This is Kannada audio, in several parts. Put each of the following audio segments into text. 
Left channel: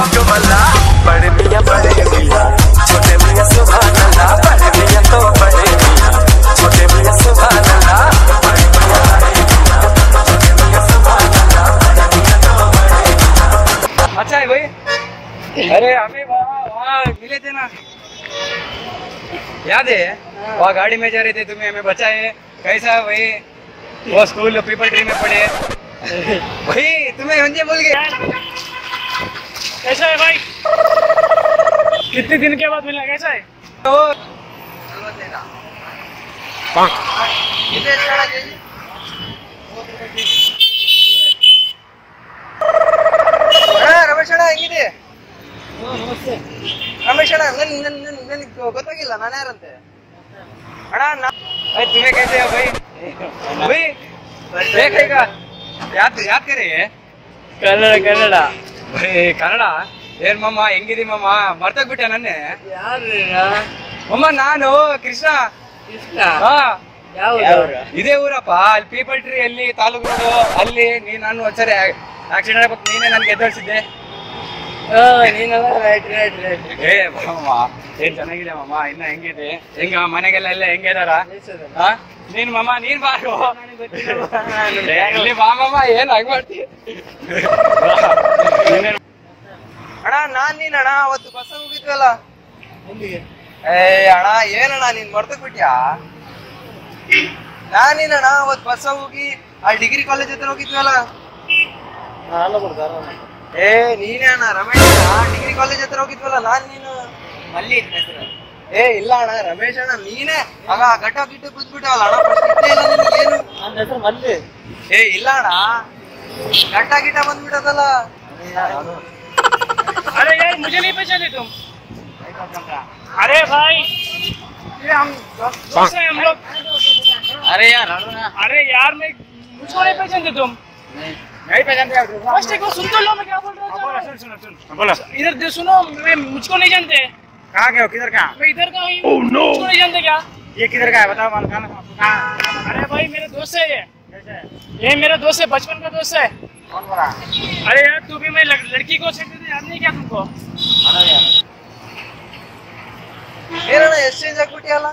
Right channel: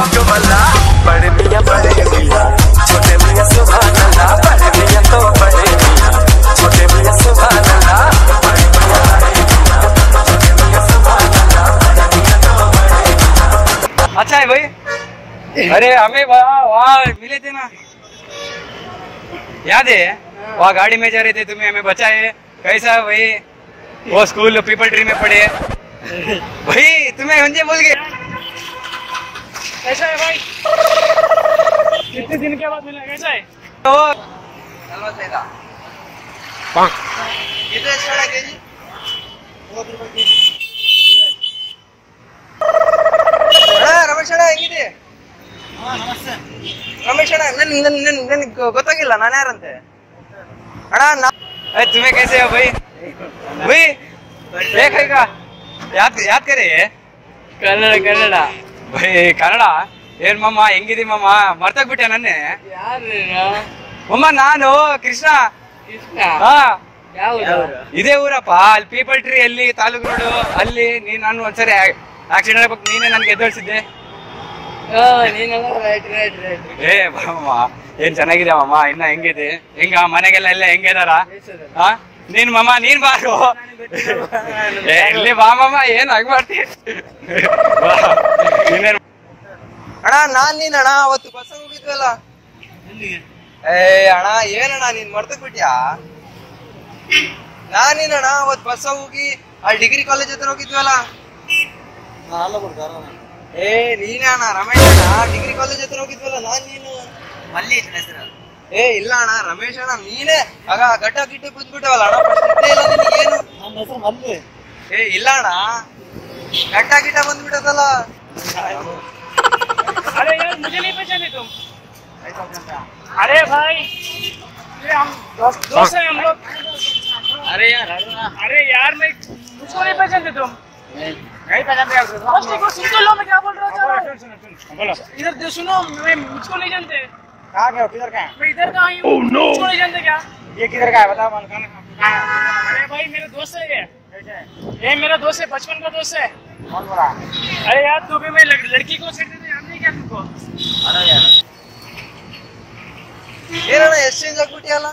मल्ला बड़े मियां छोटे मियां सुभान अल्लाह बड़े मियां तो बड़े मियां छोटे मियां सुभान अल्लाह बड़े मियां छोटे मियां सुभान अल्लाह बड़े मियां तो बड़े मियां। अच्छा है भाई, अरे हमें वहाँ मिले थे ना, याद है? वहाँ गाड़ी में जा रहे थे, तुम्हें हमें बचाए। कैसा भाई वो स्कूल पीपल ट्री में पढ़े भाई, तुम्हें मुझे भूल गए। कैसा है भाई? कितने दिन के बाद मिला, कैसा है? तो ರಮೇಶ್ ಅಣ್ಣ ಹೆಂಗಿದೆ? ರಮೇಶ್ ಅಣ್ಣ ನನ್ಗೆ ಗೊತ್ತಾಗಿಲ್ಲ ನಾನು ಯಾರಂತೆ ಅಣ್ಣ. तुम्हें कैसे हो भाई? भाई देखेगा याद याद करे ಕನ್ನಡ भाई ಕನ್ನಡ ಏನ್ ಮಮ್ಮ ಹೆಂಗಿದಿ ಮಮ್ಮ? ಮರ್ತೋಗ್ಬಿಟ್ಟೆ ನನ್ನೆ ಮಮ್ಮ. ನಾನು ಕೃಷ್ಣ. ಹಾ ಇದೇ ಊರಪ್ಪ, ಅಲ್ಲಿ ಪೀಪಲ್ ಟ್ರೀ ಅಲ್ಲಿ ತಾಲೂಕು ರೋಡು ಅಲ್ಲಿ. ನಾನು ಒಂದ್ಸರಿ ಆಕ್ಸಿಡೆಂಟ್ ಆಗ್ಬೇಕು, ನೀನೇ ನನ್ಗೆ ಎದ್ದೋಳ್ಸಿದ್ದೆ. ಏ ಮಮ್ಮ ಏನ್ ಚೆನ್ನಾಗಿದೆ ಮಮ್ಮ, ಇನ್ನ ಹೆಂಗಿದೆ? ಹೆಂಗ ಮನೆಗೆಲ್ಲ ಎಲ್ಲ ಹೆಂಗಿದಾರ? ನೀನ್ ಮಮ್ಮ ನೀನ್ ಬಾರು ಇಲ್ಲಿ ಬಾ ಮಮ್ಮ. ಏನ್ ಹಂಗ್ ಮಾಡ್ತೀಯ ಅಣ್ಣ? ನೀನಣ್ಣ ಅವತ್ತು ಬಸ್ ಹೋಗಿದ್ವಲ್ಲ ಏ ಅಣ್ಣ, ಏನಣ್ಣ ನೀನ್ ಮರ್ತಕ್ ಬಿಟ್ಯಾ? ನೀನಣ್ಣ ಅವತ್ತು ಬಸ್ ಹೋಗಿ ಅಲ್ಲಿ ಡಿಗ್ರಿ ಕಾಲೇಜ್ ಹತ್ರ ಹೋಗಿದ್ವಲ್ಲ. ಏ ನೀನೇ ಅಣ್ಣ, ರಮೇಶ್ ಅಣ್ಣ, ಡಿಗ್ರಿ ಕಾಲೇಜ್ ಹತ್ರ ಹೋಗಿದ್ವಲ್ಲ ನೀನು. ಏ ಇಲ್ಲ ಅಣ್ಣ, ರಮೇಶ್ ಅಣ್ಣ ನೀನೇ. ಆಗ ಗಡ್ಡ ಗಿಟ್ಟಿ ಕೂತ್ಬಿಟ್ಟವಲ್ಲ ಅಣ್ಣ, ಏನು? ಏ ಇಲ್ಲ ಅಣ್ಣ, ಗಡ್ಡ ಗಿಟ್ಟ ಬಂದ್ಬಿಟ್ಟದಲ್ಲ. अरे यार मुझे नहीं पहचाने तुम? अरे भाई ये हम दोस्त हैं हम लोग। अरे यार मैं मुझको नहीं पहचानते तुम? नहीं पहचानते। फर्स्ट एक बार सुन तो लो मैं क्या बोल रहा हूँ। सुन बोलो। इधर सुनो, मैं मुझको नहीं जानते। कहाँ गए हो? किधर कहाँ? मैं इधर का ही हूँ। मुझको नहीं जानते क्या? ये किधर का है बताओ? कहाँ? अरे भाई मेरा दोस्त है ये मेरा दोस्त है, बचपन का दोस्त है। कौन बोला? अरे यार तू भी मैं लड़की को सेट देते याद नहीं क्या तुमको? अरे यार ಏನಣ್ಣ ಎಕ್ಸ್ಚೇಂಜ್ ಆಗ್ಬಿಟ್ಟಿಯಲ್ಲ?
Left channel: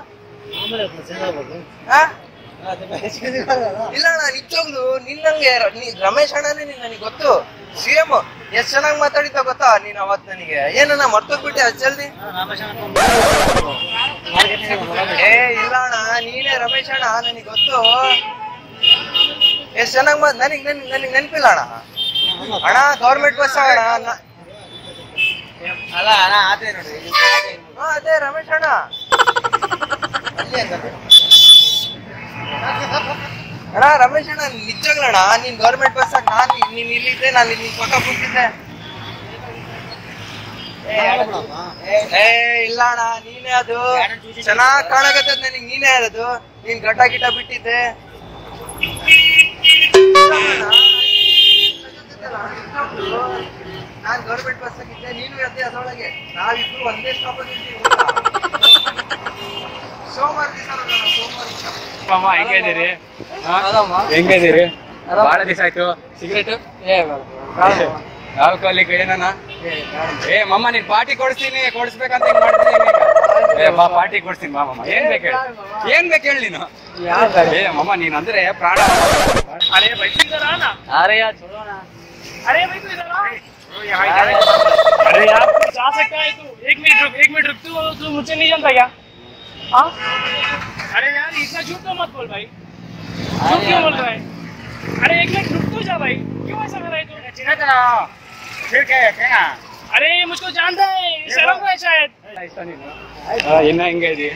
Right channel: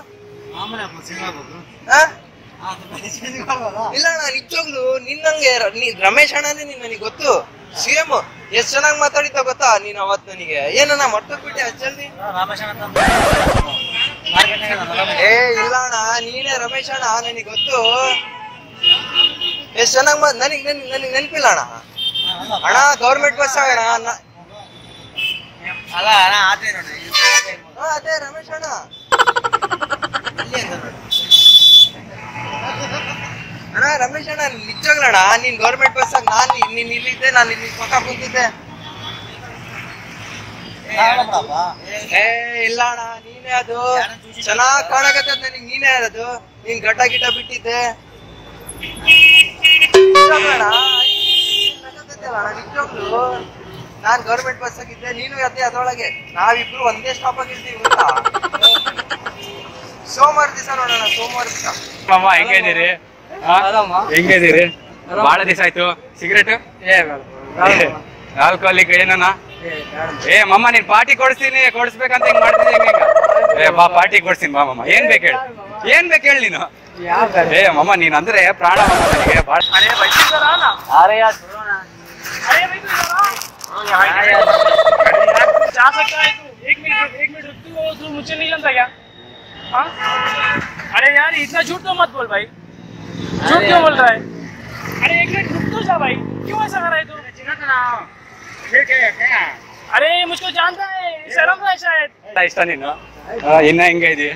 ಇಲ್ಲ ಅಣ್ಣ, ನಿಜವಾಗ್ಲು ನಿನ್ನಂಗೆ ರಮೇಶ್ ಅಣ್ಣನೇ ನೀನ್ ನನಗೆ ಗೊತ್ತು. ಸಿಎಂ ಎಷ್ಟ್ ಚೆನ್ನಾಗಿ ಮಾತಾಡಿದ್ದ ಗೊತ್ತಾ ನೀನ್ ಅವತ್ ನನಗೆ. ಏನಣ್ಣ ಮರ್ತೋಗ್ಬಿಟ್ಟೆ ಅಷ್ಟ್ ಜಲ್ದಿ? ಏ ಇಲ್ಲ ಅಣ್ಣ, ನೀನೇ ರಮೇಶ್ ಅಣ್ಣ, ನನಗೆ ಗೊತ್ತು. ಎಷ್ಟ್ ಚೆನ್ನಾಗಿ ನನಗ್ ನೆನಪಿಲ್ಲ ಅಣ್ಣ. ಅಣ್ಣ ಗೌರ್ಮೆಂಟ್ ಬಸ್ ಅಣ್ಣ. ಅದೇ ರಮೇಶ್ ಅಣ್ಣ. ಅಣ್ಣ ರಮೇಶ್ ಅಣ್ಣ ನಿಜವಾಗ್ಲಣ್ಣ, ನೀನ್ ಗೌರ್ಮೆಂಟ್ ಬಸ್ ನೀನ್ ಇಲ್ಲಿದ್ದೆ, ನಾನು ಇಲ್ಲಿ ಪಕ್ಕ ಕೂತಿದ್ದೆ. ಏ ಇಲ್ಲ ಅಣ್ಣ, ನೀನೇ ಅದು. ಚೆನ್ನಾಗ್ ಕಾಣಕತ್ತ ನನಗ್, ನೀನೇ ಅದು. ನೀನ್ ಗಡ್ಡ ಗಿಡ್ಡ ಬಿಟ್ಟಿದ್ದೆ ನಿಜವಾಗ್ಲು. ನಾನ್ ಗೌರ್ಮೆಂಟ್ ಬಸ್ ಆಗಿದ್ದೆ, ನೀನು ಅದೇ ಅದರೊಳಗೆ. ನಾವಿಬ್ರು ಒಂದೇ ಸ್ಟಾಪ್ ಆಗಿರ್ತೀವಿ. ಸೋಮವಾರ ದಿವಸ ನೋಡೋಣ, ಸೋಮವಾರ ದಿವಸ. ಹೆಂಗಿದ್ದೀರಿ? ಹೆಂಗಿದ್ದೀರಿ? ಬಹಳ ದಿವಸ ಆಯ್ತು. ಸಿಗರೇಟ್ ಆಲ್ಕೋಹಾಲಿಕ್ ಏನ? ಏ ಮಮ್ಮ ನೀನ್ ಪಾರ್ಟಿ ಕೊಡಿಸ್ಬೇಕಂತ ಹೆಂಗ್ ಮಾಡ್ತೀನಿ? ಏ ಬಾ ಪಾರ್ಟಿ ಕೊಡ್ತೀನಿ ಬಾ ಮಮ್ಮ. ಏನ್ ಬೇಕು ಹೇಳಿ, ಏನ್ ಬೇಕು ಹೇಳಿ ನೀನು? ಏ ಮಮ್ಮ ನೀನ್ ಅಂದ್ರೆ ಪ್ರಾಣ. अरे भाई तू इधर आ ना। अरे यार छोड़ो ना। अरे भाई तू इधर आ। अरे यार तू जा सकता है तू? एक मिनट रुक तू मुझे नहीं जानता क्या? हाँ अरे यार इतना झूठ तो मत बोल भाई। झूठ क्यों बोल रहा है? अरे एक मिनट रुक तो जा भाई, क्यों ऐसा कर रहा है तू? फिर क्या है? अरे मुझको जानता है, शर्म का है शायद। ಇಷ್ಟ ನೀನು ಇನ್ನ ಹಿಂಗೆ ಇದೀ?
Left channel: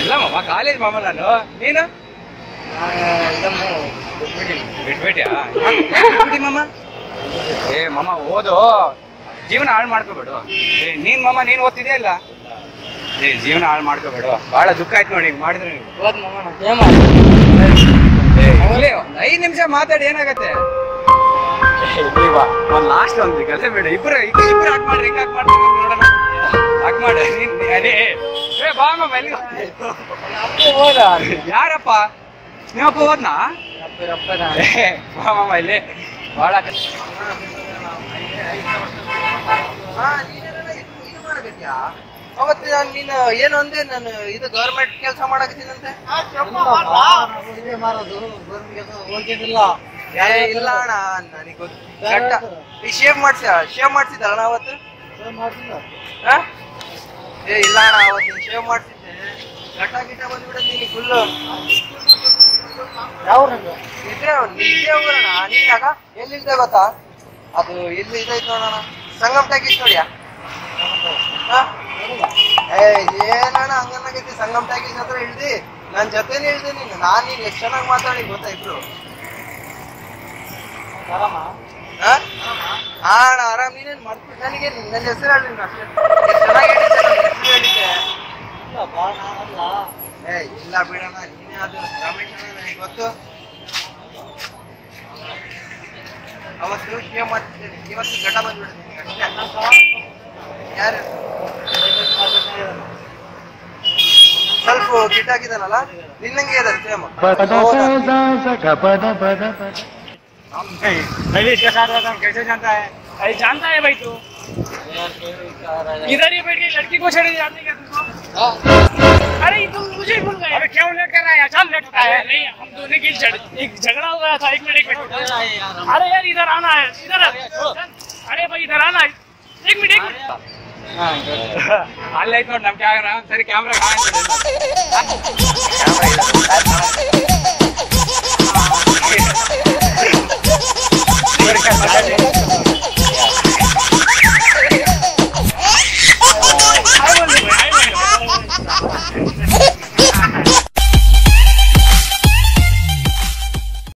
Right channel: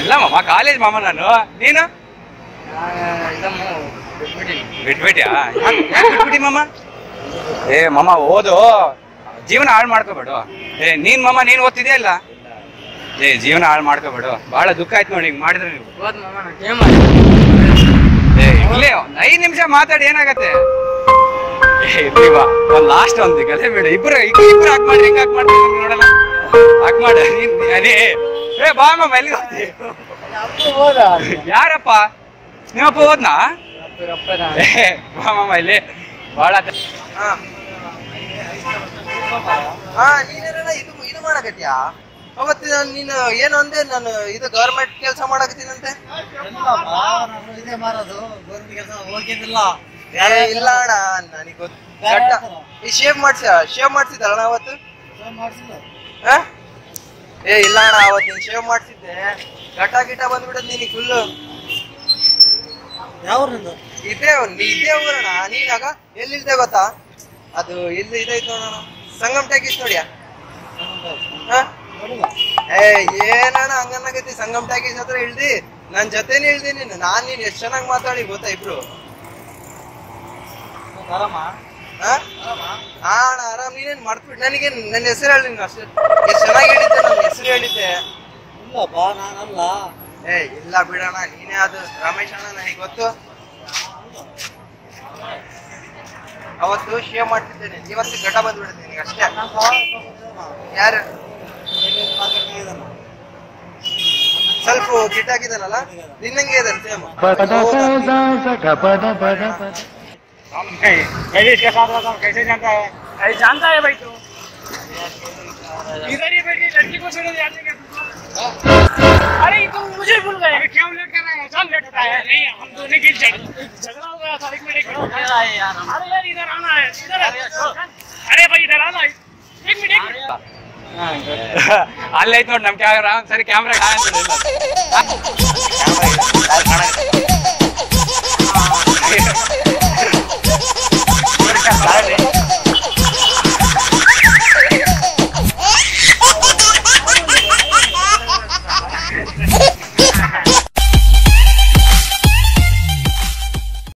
ಇಲ್ಲ ಮಮ್ಮ, ಕಾಲೇಜ್ ಮಾಮ ನಾನು. ನೀನು ಬಿಟ್ಬಿಟ್ಯಾ? ಬಿಟ್ಬಿಟ್ಟಿ ಮಮ್ಮ. ಏ ಮಮ್ಮ ಓದು, ಜೀವನ ಹಾಳು ಮಾಡ್ಕೋಬೇಡು. ಏ ನೀನ್ ಮಮ್ಮ ನೀನ್ ಓದ್ತಿದ್ಯಾ ಇಲ್ಲ? ಏ ಜೀವನ ಹಾಳು ಮಾಡ್ಕೋಬೇಡು. ಬಹಳ ದುಃಖ ಆಯ್ತು ನೋಡಿ ಹಿಂಗ್ ಮಾಡಿದ್ರೆ ನೀವು. ಇಲ್ಲೇ 5 ನಿಮಿಷ ಮಾತಾಡಿ ಏನಾಗತ್ತೆ? ಇರ್ಲಿವಾ ಒಂದ್ ಲಾಸ್ಟ್ ಒಂದ್ ಕಥೆ ಬೇಡ. ಇಬ್ರು ಹಾಕ್ ಮಾಡ್ರಿ, ಹಿಂಗ್ ಹಾಕ್ ಮಾಡ್ರಿ ನೋಡೋಣ. ಹಾಕ್ ಮಾಡ ಅದೇ. ಏ ಬಾ ಮಮ್ಮ, ಎಲ್ಲಿ ಹೋಗ್ತಿ? ಯಾರಪ್ಪ? ನಿಮ್ಮಪ್ಪ ಹೋದ್ನಾ? ಬಾ ಮಮ್ಮ ಇಲ್ಲಿ. ಭಾಳ ನೀನೇನ ಇದು ಮಾಡಕತ್ಯಾ ಅವತ್ತು ನೀನು ಏನು ಅಂದೆ ನಾನು ಇದು ಗೌರ್ಮೆಂಟ್ ಕೆಲಸ ಮಾಡಕತ್ತೀನಂತೆ ಇಲ್ಲ ಅಣ್ಣ ನನಗೆ ಗೊತ್ತು ಶೇವ್ ಮಾಡ್ಸಿದ್ದಣ್ಣ ಅವತ್ತು ಇಲ್ಲ ಅಣ್ಣ ಅವತ್ತು ನೀನ್ ಶೇವ್ ಮಾಡ್ಸಿದ್ದೆ ಗಿಟ ಬಂದ್ಬಿಟ್ಟದ್ ನೀನು ಫುಲ್ ಇದೇ ಊರಣ್ಣ ನೀನಾಗ ಎಲ್ಲಿಲ್ದೆ ಗೊತ್ತಾ ಅದು ಇಲ್ಲಿ ಇದೈತ್ ನೋಡೋಣ ಸಂಗಮ್ ಟ್ಯಾಕೀಸ್ ನೋಡ್ಯಾ ಏನಣ್ಣ ಹಂಗನ್ನಾಗೈತಿ ಸಂಗಮ್ ಟ್ಯಾಕೀಸ್ ಹತ್ರ ಇಳ್ದಿ ನನ್ ಜೊತೆನೆ ಇಳ್ದಿ ನೀನು ನೀನ್ ಎಷ್ಟ್ ಚೆನ್ನಾಗಿ ಮಾತಾಡಿ ಗೊತ್ತಾ ಇಬ್ರು ಅಣ್ಣ ಆರಾಮ್ ನೀನೇನ್ ಮಾಡ್ಬಿಟ್ಟು ನನಗೆ ನನ್ನ ಹೆಸರು ಹೇಳಿ ನೀನು ಅಷ್ಟೇ ಎಷ್ಟ್ ಚೆನ್ನಾಗಿ ಹೇಳಿದ್ದೆ ನನ್ನ ಹೆಸರು ಹೇಳಿದ್ದೆ ಇಲ್ಲ ಬಿಡಣ್ಣ ನೀನೇ ಅದು ರಮೇಶ್ ಅಣ್ಣ ನನಗೆ ಗೊತ್ತು ಅವತ್ತು ಶೇವ್ ಮಾಡ್ತಿದ್ದೇನೆ ಇವತ್ತು ಘಟ ಬಂದ್ಬಿಡುತ್ತೆ ನಿನಗೆ ಅಷ್ಟೇ ಯಾರು ಸ್ವಲ್ಪ ಗಿಟ್ಟಾಗಿದ್ದಾನಲ್ಲ ನಿನ್ನಂಗೆ ಇದಾರೆ ಸೇಮ್ पहले इसके साथ रहता हूँ कैसे जानता है अरे जानता है भाई तू इधर ही बैठ के लड़की को छेड़े जाते क्या तुमको अरे तुम मुझे भूल गए अबे क्यों लेट कर रहा है अचानक लेट होता है नहीं हम दोनों की झगड़ा हो गया था एक मिनट अरे यार इधर आना इधर अरे भाई इधर आना एक मिनट ಅಲ್ಲೈತ್ ನೋಡಿ ನಮ್ ಕ್ಯಾಮ್ರಾ ಸರಿ ಕ್ಯಾಮ್ರಾ ಕಾಣಿಸ್ತಿದೆ